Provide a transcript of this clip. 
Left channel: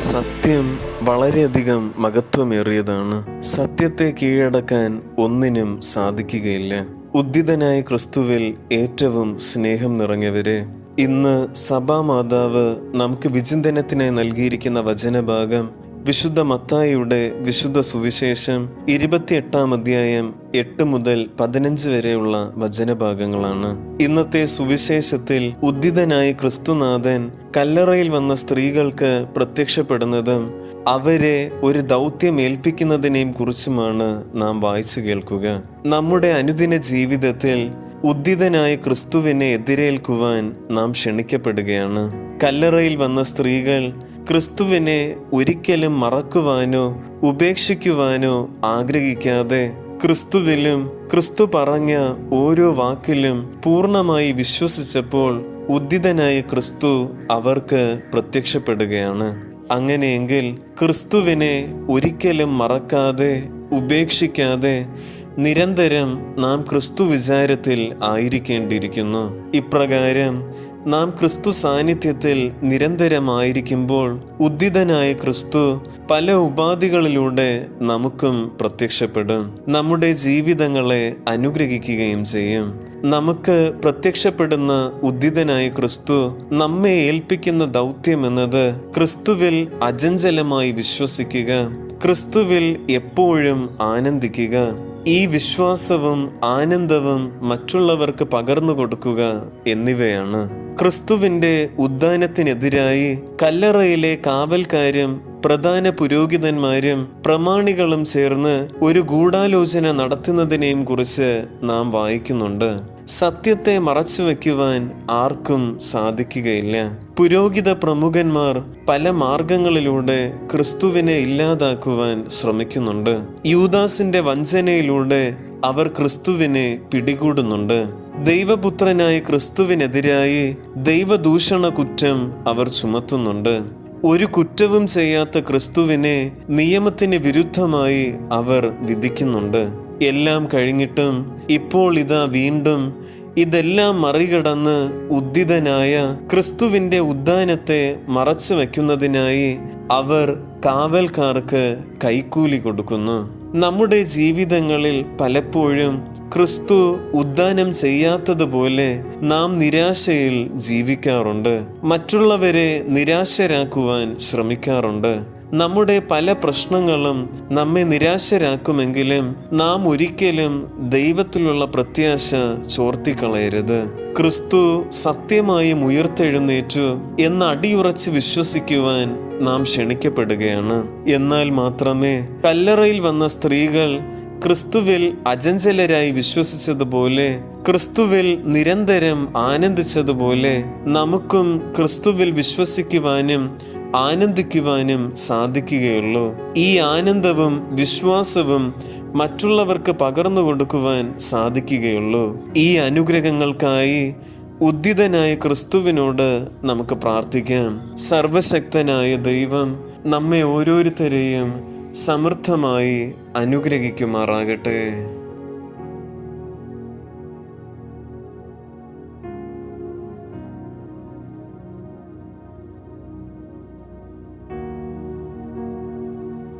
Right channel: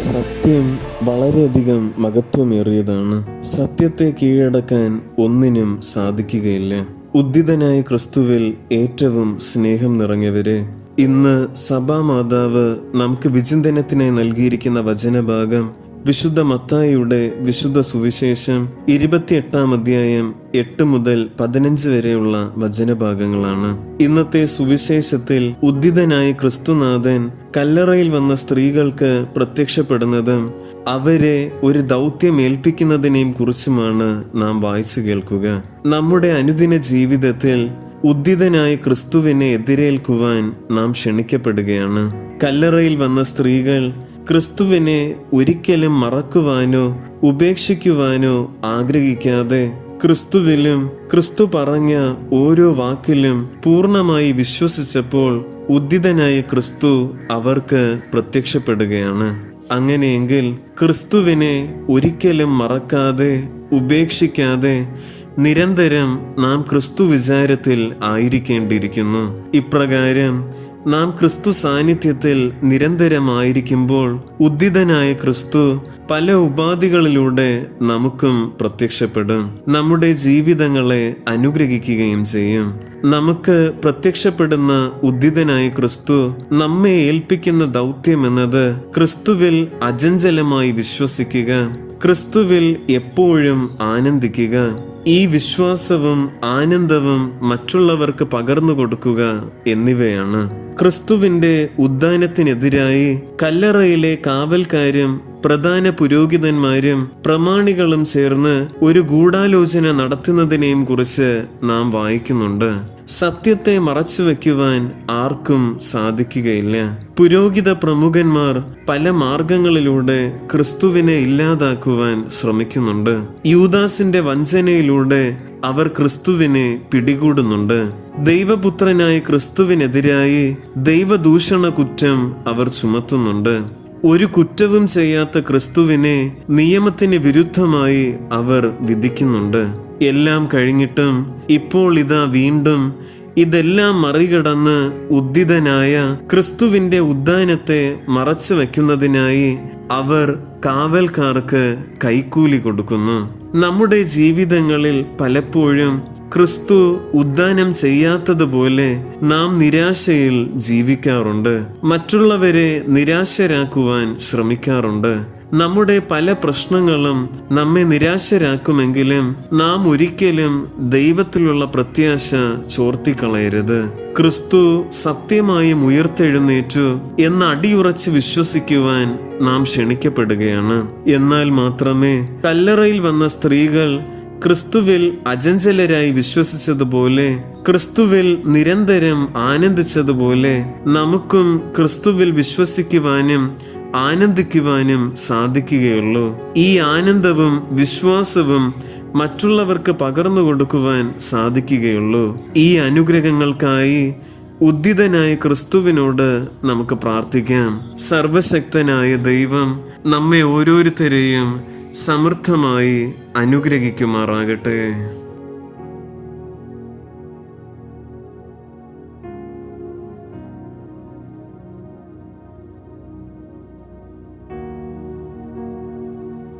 സത്യം വളരെയധികം മഹത്വമേറിയതാണ്. സത്യത്തെ കീഴടക്കാൻ ഒന്നിനും സാധിക്കുകയില്ല. ഉദ്ധിതനായ ക്രിസ്തുവിൽ ഏറ്റവും സ്നേഹം നിറഞ്ഞവരെ. ഇന്ന് സഭാമാതാവ് നമുക്ക് വിചിന്തനത്തിനായി നൽകിയിരിക്കുന്ന വചനഭാഗം വിശുദ്ധ മത്തായിയുടെ വിശുദ്ധ സുവിശേഷം ഇരുപത്തിയെട്ടാം അധ്യായം എട്ട് മുതൽ പതിനഞ്ച് വരെയുള്ള വചനഭാഗങ്ങളാണ്. ഇന്നത്തെ സുവിശേഷത്തിൽ ഉദ്ധിതനായ ക്രിസ്തുനാഥൻ കല്ലറയിൽ വന്ന സ്ത്രീകൾക്ക് പ്രത്യക്ഷപ്പെടുന്നത് അവരെ ഒരു ദൗത്യം ഏൽപ്പിക്കുന്നതിനെയും കുറിച്ചുമാണ് നാം വായിച്ചു കേൾക്കുക. നമ്മുടെ അനുദിന ജീവിതത്തിൽ ഉദ്ധിതനായ ക്രിസ്തുവിനെ എതിരേൽക്കുവാൻ നാം ക്ഷണിക്കപ്പെടുകയാണ്. കല്ലറയിൽ വന്ന സ്ത്രീകൾ ക്രിസ്തുവിനെ ഒരിക്കലും മറക്കുവാനോ ഉപേക്ഷിക്കുവാനോ ആഗ്രഹിക്കാതെ ക്രിസ്തുവിലും ക്രിസ്തു പറഞ്ഞ ഓരോ വാക്കിലും പൂർണമായി വിശ്വസിച്ചപ്പോൾ ഉദ്ധിതനായ ക്രിസ്തു അവർക്ക് പ്രത്യക്ഷപ്പെടുകയാണ്. അങ്ങനെയെങ്കിൽ ക്രിസ്തുവിനെ ഒരിക്കലും മറക്കാതെ ഉപേക്ഷിക്കാതെ നിരന്തരം നാം ക്രിസ്തു വിചാരത്തിൽ ആയിരിക്കേണ്ടിയിരിക്കുന്നു. ഇപ്രകാരം നാം ക്രിസ്തു സാന്നിധ്യത്തിൽ നിരന്തരമായിരിക്കുമ്പോൾ ഉദ്ധിതനായ ക്രിസ്തു പല ഉപാധികളിലൂടെ നമുക്കും പ്രത്യക്ഷപ്പെടും. നമ്മുടെ ജീവിതങ്ങളെ അനുഗ്രഹിക്കുകയും ചെയ്യും. നമുക്ക് പ്രത്യക്ഷപ്പെടുന്ന ഉദ്ധിതനായ ക്രിസ്തു നമ്മെ ഏൽപ്പിക്കുന്ന ദൗത്യം എന്നത് ക്രിസ്തുവിൽ അജഞ്ചലമായി വിശ്വസിക്കുക. ക്രിസ്തുവിൽ എപ്പോഴും ആനന്ദിക്കുക. ഈ വിശ്വാസവും ആനന്ദവും മറ്റുള്ളവർക്ക് പകർന്നു കൊടുക്കുക എന്നിവയാണ്. ക്രിസ്തുവിന്റെ ഉദ്ധാനത്തിനെതിരായി കല്ലറയിലെ കാവൽക്കാരും പ്രധാന പുരോഹിതന്മാരും പ്രമാണികളും ചേർന്ന് ഒരു ഗൂഢാലോചന നടത്തുന്നതിനെയും കുറിച്ച് നാം വായിക്കുന്നുണ്ട്. സത്യത്തെ മറച്ചു വയ്ക്കുവാൻ ആർക്കും സാധിക്കുകയില്ല. പുരോഹിത പ്രമുഖന്മാർ പല മാർഗങ്ങളിലൂടെ ക്രിസ്തുവിനെ ഇല്ലാതാക്കുവാൻ ശ്രമിക്കുന്നുണ്ട്. യൂദാസിന്റെ വഞ്ചനയിലൂടെ അവർ ക്രിസ്തുവിനെ പിടികൂടുന്നുണ്ട്. ദൈവപുത്രനായ ക്രിസ്തുവിനെതിരായി ദൈവദൂഷണ കുറ്റം അവർ ചുമത്തുന്നുണ്ട്. ഒരു കുറ്റവും ചെയ്യാത്ത ക്രിസ്തുവിനെ നിയമത്തിന് വിരുദ്ധമായി അവർ വിധിക്കുന്നുണ്ട്. എല്ലാം കഴിഞ്ഞിട്ടും ഇപ്പോൾ ഇതാ വീണ്ടും ഇതെല്ലാം മറികടന്ന് ഉദ്ധിതനായ ക്രിസ്തുവിന്റെ ഉദ്ധാനത്തെ മറച്ചു വയ്ക്കുന്നതിനായി അവർ കാവൽക്കാർക്ക് കൈക്കൂലി കൊടുക്കുന്നു. നമ്മുടെ ജീവിതങ്ങളിൽ പലപ്പോഴും ക്രിസ്തു ഉദ്ധാനം ചെയ്യാത്തതുപോലെ നാം നിരാശയിൽ ജീവിക്കാറുണ്ട്. മറ്റുള്ളവരെ നിരാശരാക്കുവാൻ ശ്രമിക്കാറുണ്ട്. നമ്മുടെ പല പ്രശ്നങ്ങളും നമ്മെ നിരാശരാക്കുമെങ്കിലും നാം ഒരിക്കലും ദൈവത്തിലുള്ള പ്രത്യാശ ചോർത്തിക്കളയരുത്. ക്രിസ്തു സത്യമായും ഉയർത്തെഴുന്നേറ്റു എന്ന് അടിയുറച്ച് വിശ്വസിക്കുവാൻ നാം ക്ഷണിക്കപ്പെടുകയാണ്. എന്നാൽ മാത്രമേ കല്ലറയിൽ വന്ന സ്ത്രീകൾ ക്രിസ്തുവിൽ അജഞ്ചലരായി വിശ്വസിച്ചതുപോലെ ക്രിസ്തുവിൽ നിരന്തരം ആനന്ദിച്ചതുപോലെ നമുക്കും ക്രിസ്തുവിൽ വിശ്വസിക്കുവാനും ആനന്ദിക്കുവാനും സാധിക്കുകയുള്ളൂ. ഈ ആനന്ദവും വിശ്വാസവും മറ്റുള്ളവർക്ക് പകർന്നു കൊടുക്കുവാൻ സാധിക്കുകയുള്ളൂ. ഈ അനുഗ്രഹങ്ങൾക്കായി ഉദ്ധിതനായ ക്രിസ്തുവിനോട് നമുക്ക് പ്രാർത്ഥിക്കാം. സർവശക്തനായ ദൈവം നമ്മെ ഓരോരുത്തരെയും സമൃദ്ധമായി അനുഗ്രഹിക്കുമാറാകട്ടെ.